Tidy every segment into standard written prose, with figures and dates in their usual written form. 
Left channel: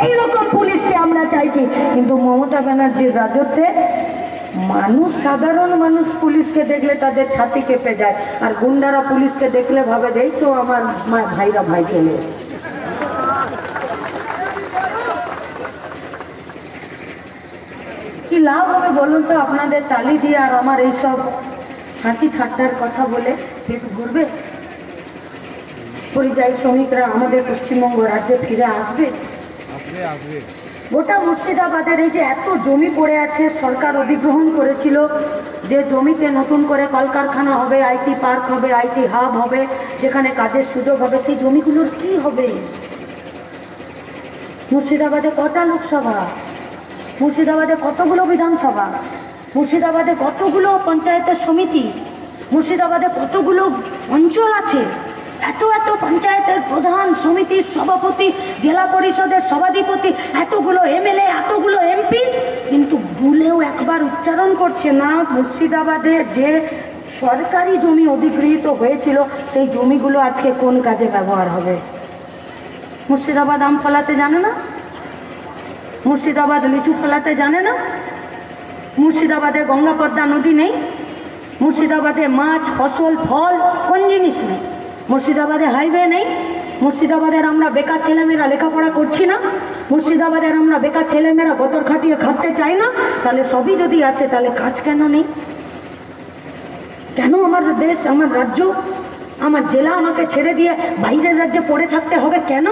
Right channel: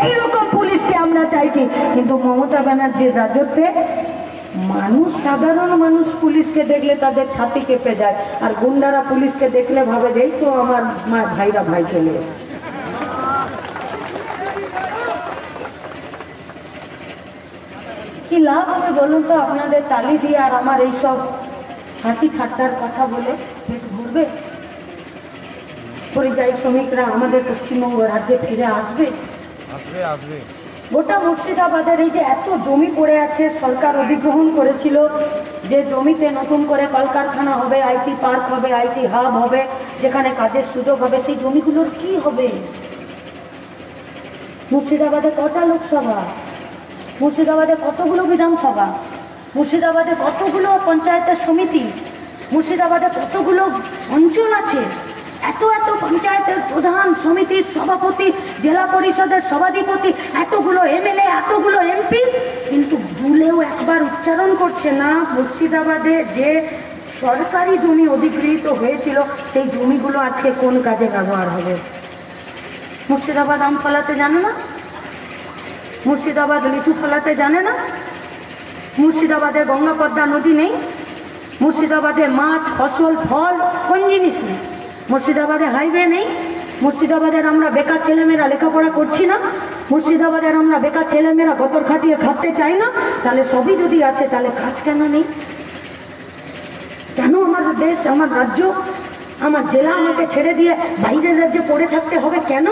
সেই রকম পুলিশকে আমরা চাইছি। কিন্তু মমতা ব্যানার্জির রাজত্বে মানুষ, সাধারণ মানুষ পুলিশকে দেখলে তাদের ছাতি কেঁপে যায়, আর গুন্ডারা পুলিশকে দেখলে ভাবে যে এই তো আমার ভাইরা ভাই চলে এসছে। কি লাভ হবে বলুন তো আপনাদের তালি দিয়ে আর আমার এইসব হাসি ঠাট্টার কথা বলে পেট ভরবে? পরিযায়ী শ্রমিকরা আমাদের পশ্চিমবঙ্গ রাজ্যে ফিরে আসবে? গোটা মুর্শিদাবাদের এই যে এত জমি পড়ে আছে, সরকার অধিগ্রহণ করেছিল যে জমিতে নতুন করে কলকারখানা হবে, আইটি পার্ক হবে, আইটি হাব হবে, যেখানে কাজের সুযোগ হবে, সেই জমিগুলোর কি হবে? মুর্শিদাবাদে কটা লোকসভা, মুর্শিদাবাদে কতগুলো বিধানসভা, মুর্শিদাবাদে কতগুলো পঞ্চায়েতের সমিতি, মুর্শিদাবাদে কতগুলো অঞ্চল আছে, এত এত পঞ্চায়েতের প্রধান, সমিতির সভাপতি, জেলা পরিষদের সভাধিপতি, এতগুলো এমএলএ, এতগুলো এমপি, কিন্তু ভুলেও একবার উচ্চারণ করছে না মুর্শিদাবাদে যে সরকারি জমি অধিগৃহীত হয়েছিল সেই জমিগুলো আজকে কোন কাজে ব্যবহার হবে। মুর্শিদাবাদ আম ফলাতে জানে না, মুর্শিদাবাদ লিচু ফলাতে জানে না, মুর্শিদাবাদে গঙ্গা পদ্মা নদী নেই, মুর্শিদাবাদে মাছ, ফসল, ফল কোন জিনিস নেই, মুর্শিদাবাদে হাইওয়ে নেই, মুর্শিদাবাদের আমরা বেকার ছেলেমেয়েরা লেখাপড়া করছি না, মুর্শিদাবাদের আমরা বেকার ছেলেমেয়েরা গতর খাটিয়ে খাটতে চাই না, তাহলে সবই যদি আছে তাহলে কাজ কেন নেই? কেন আমার দেশ, আমার রাজ্য, আমার জেলা আমাকে ছেড়ে দিয়ে বাইরের রাজ্যে পড়ে থাকতে হবে কেন?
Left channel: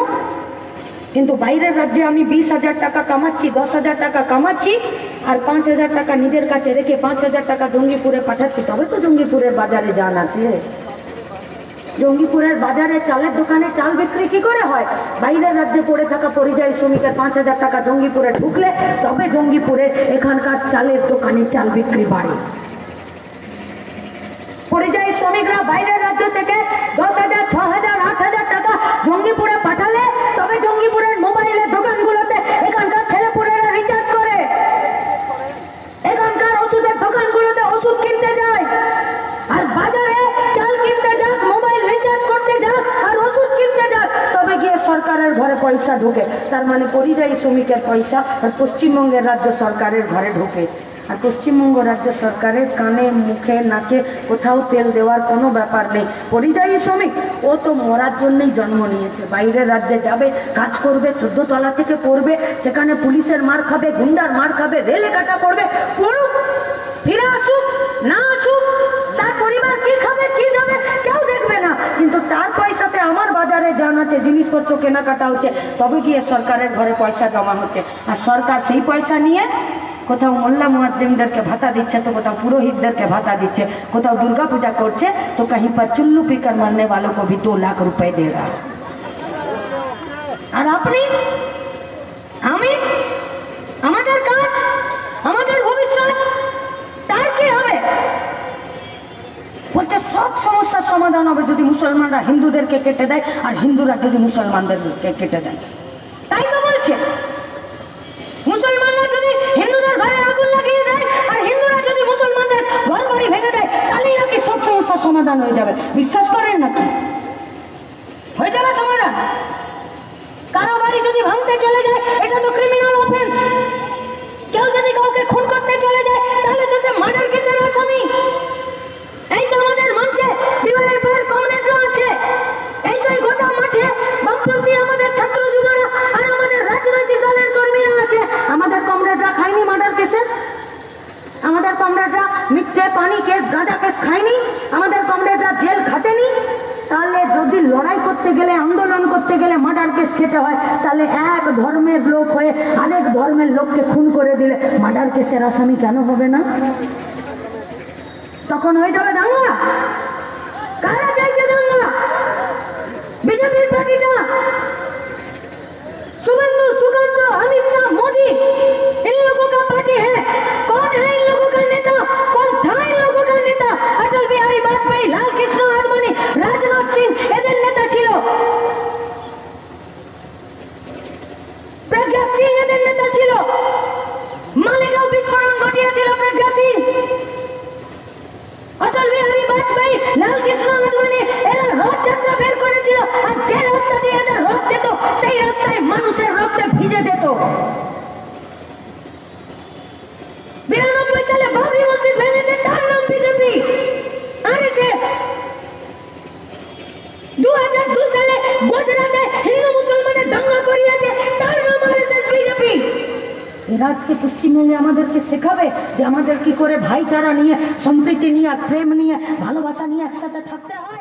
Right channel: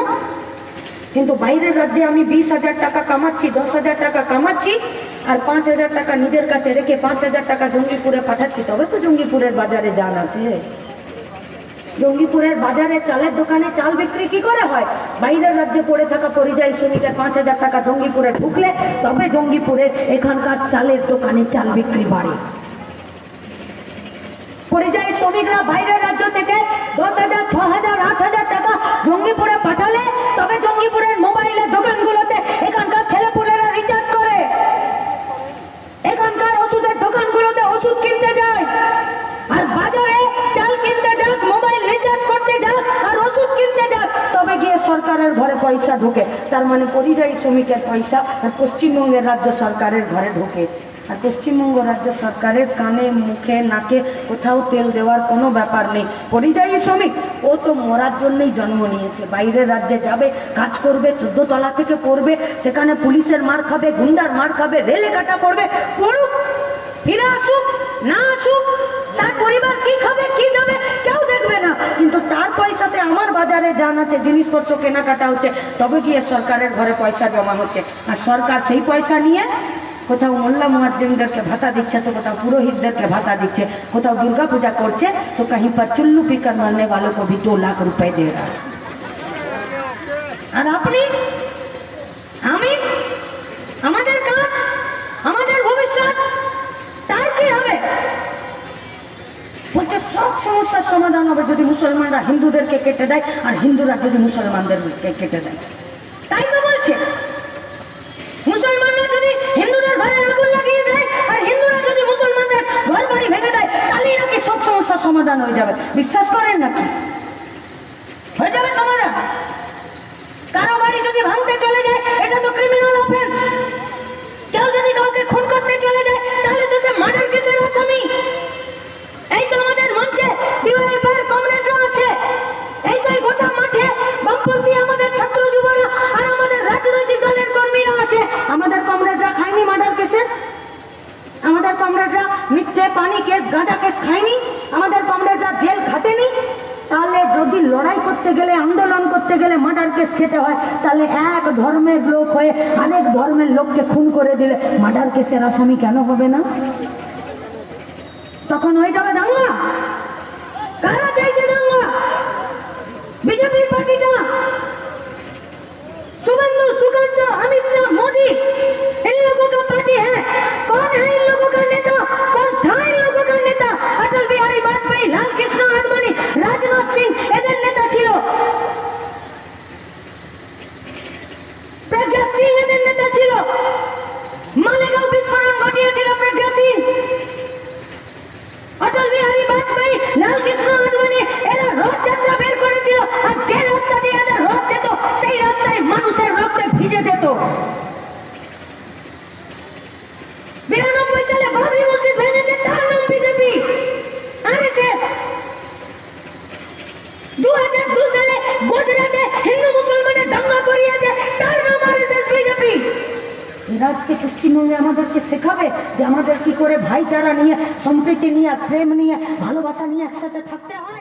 কিন্তু বাইরের রাজ্যে আমি 20,000 টাকা কামাচ্ছি, 10,000 টাকা কামাচ্ছি, আর 5,000 টাকা নিজের কাছে রেখে 5,000 টাকা জঙ্গিপুরে পাঠাচ্ছি, তবে তো জঙ্গিপুরের বাজারে যান আছে। জঙ্গিপুরের বাজারে চালের দোকানে চাল বিক্রি কি করে হয়? বাইরের রাজ্যে পড়ে থাকা পরিযায়ী শ্রমিকের 5,000 টাকা জঙ্গিপুরে ঢুকলে তবে জঙ্গিপুরের এখানকার চালের দোকানে চাল বিক্রি বাড়ে। পরিযায়ী শ্রমিকরা বাইরের রাজ্য থেকে 10,000, 6,000, 8,000 টাকা জঙ্গিপুরে পাঠালে তবে জঙ্গিপুরের মোবাইলের দোকানগুলোতে এখানকার ছেলেপুলেরা রিচার্জ করে, এখানকার ওষুধের দোকানগুলোতে ওষুধ কিনতে যায়, আর বাজারে চাল কিনতে যাক, মোবাইল রিচার্জ করতে যাক, আর ওষুধ কিনতে যাক, তবে গিয়ে সরকারের ঘরে পয়সা ঢোকে। তার মানে পরিযায়ী শ্রমিকের পয়সা আর পশ্চিমবঙ্গের রাজ্য সরকারের ঘরে ঢোকে। আর পশ্চিমবঙ্গ রাজ্য সরকারের কানে, মুখে, নাকে কোথাও তেল দেওয়ার কোনো ব্যাপার নেই। পরিযায়ী শ্রমিক ও তো মরার জন্যই জন্ম নিয়েছে, বাইরের রাজ্যে যাবে, কাজ করবে, 14 তলা থেকে পড়বে, সেখানে পুলিশের মার খাবে, গুন্ডার মার খাবে, রেলে কাটা পড়বে, পড়ুক, ফিরে আসুক, না আসুক, তার পরিবার কি খাবে, কি যাবে কেউ দেখবে না, কিন্তু তার পয়সাতে আমার বাজারে যান আছে, জিনিসপত্র কেনাকাটা হচ্ছে, তবে গিয়ে সরকারের ঘরে পয়সা জমা হচ্ছে। আর সরকার সেই পয়সা নিয়ে কোথাও মোল্লা মুয়াজ্জিমদেরকে ভাতা দিচ্ছে, তো কোথাও পুরোহিতদেরকে ভাতা দিচ্ছে, কোথাও দুর্গা পূজা করছে, তো कहीं पर चुल्लू पीकर मरने वालों को भी 2 लाख रुपए दे रहा है। আর আপনি, আমি, আমাদের কাজ, আমাদের ভবিষ্যৎ, তার কি হবে? বলছে সব সমস্যার সমাধান হবে যদি মুসলমানরা হিন্দুদেরকে কেটে দেয় আর হিন্দুরা যদি মুসলমানদেরকে কেটে দেয়। তাই তো বলছে, মুসলমানরা যদি হিন্দুদের ঘরে আগুন লাগিয়ে দেয় আর হিন্দুরা যদি মুসলমানদের ঘর বাড়ি ভেঙে দেয়, তাহলেই নাকি সব সমস্যার সমাধান হয়ে যাবে। বিশ্বাস করেন নাকি হয়ে যাবে সমাধান? কারো বাড়ি যদি ভাঙতে চলে যায়, এটা তো ক্রিমিনাল অফেন্স। কেউ যদি কাউকে খুন করতে চলে যায়, তাহলে তো সে মার্ডার কেসের আসামি। এই তো আমাদের মঞ্চে বিবাহের পর কমরেডরা আছে, এই তো গোটা মাঠে বামপন্থী আমাদের ছাত্র যুবরা আর আমাদের রাজনৈতিক দলের কর্মীরা আছে। আমাদের কমরেডরা খায়নি মার্ডার কেসে, আমাদের কমরেডরা মিথ্যে পানি কেস, গাঁজা কেস খায়নি, আমাদের কমরেডরা জেল খাটেনি। তাহলে যদি লড়াই করতে গেলে, আন্দোলন করতে গেলে মার্ডার কেস খেতে হয়, তাহলে এক ধর্মের লোক হয়ে আরেক ধর্মের লোককে খুন করে দিলে মার্ডার কেসের আসামি কেন হবে না? তখন হয়ে যাবে দাঙ্গা। কারা চাইছে দাঙ্গা? বিজেপির পার্টিটা, शुभेंदु, सुगंध, अमित शाह, मोदी, इन लोगों का पार्टी है। कौन है इन लोगों का नेता? कौन था इन लोगों का नेता? अटल बिहारी वाजपेयी, लाल कृष्ण आडवाणी, राजनाथ सिंह एদের নেতা ছিল। প্রজ্ঞা সিং এদের নেতা ছিল। মালেগাঁও বিস্ফোরণ ঘটিয়েছিল প্রজ্ঞা সিং। অটল বিহারী বাজপেয়ী, লাল কৃষ্ণ আডবাণী এরা রথযাত্রা বের করেছিল, আর যে রাস্তা দিয়ে এদের রথ যেত সেই রাস্তায় মানুষের রক্তে ভিজে যেত। এরা আজকে পশ্চিমবঙ্গে আমাদেরকে শেখাবে যে আমাদের কি করে ভাইচারা নিয়ে, সম্প্রীতি নিয়ে, প্রেম নিয়ে, ভালোবাসা নিয়ে একসাথে থাকতে হয়।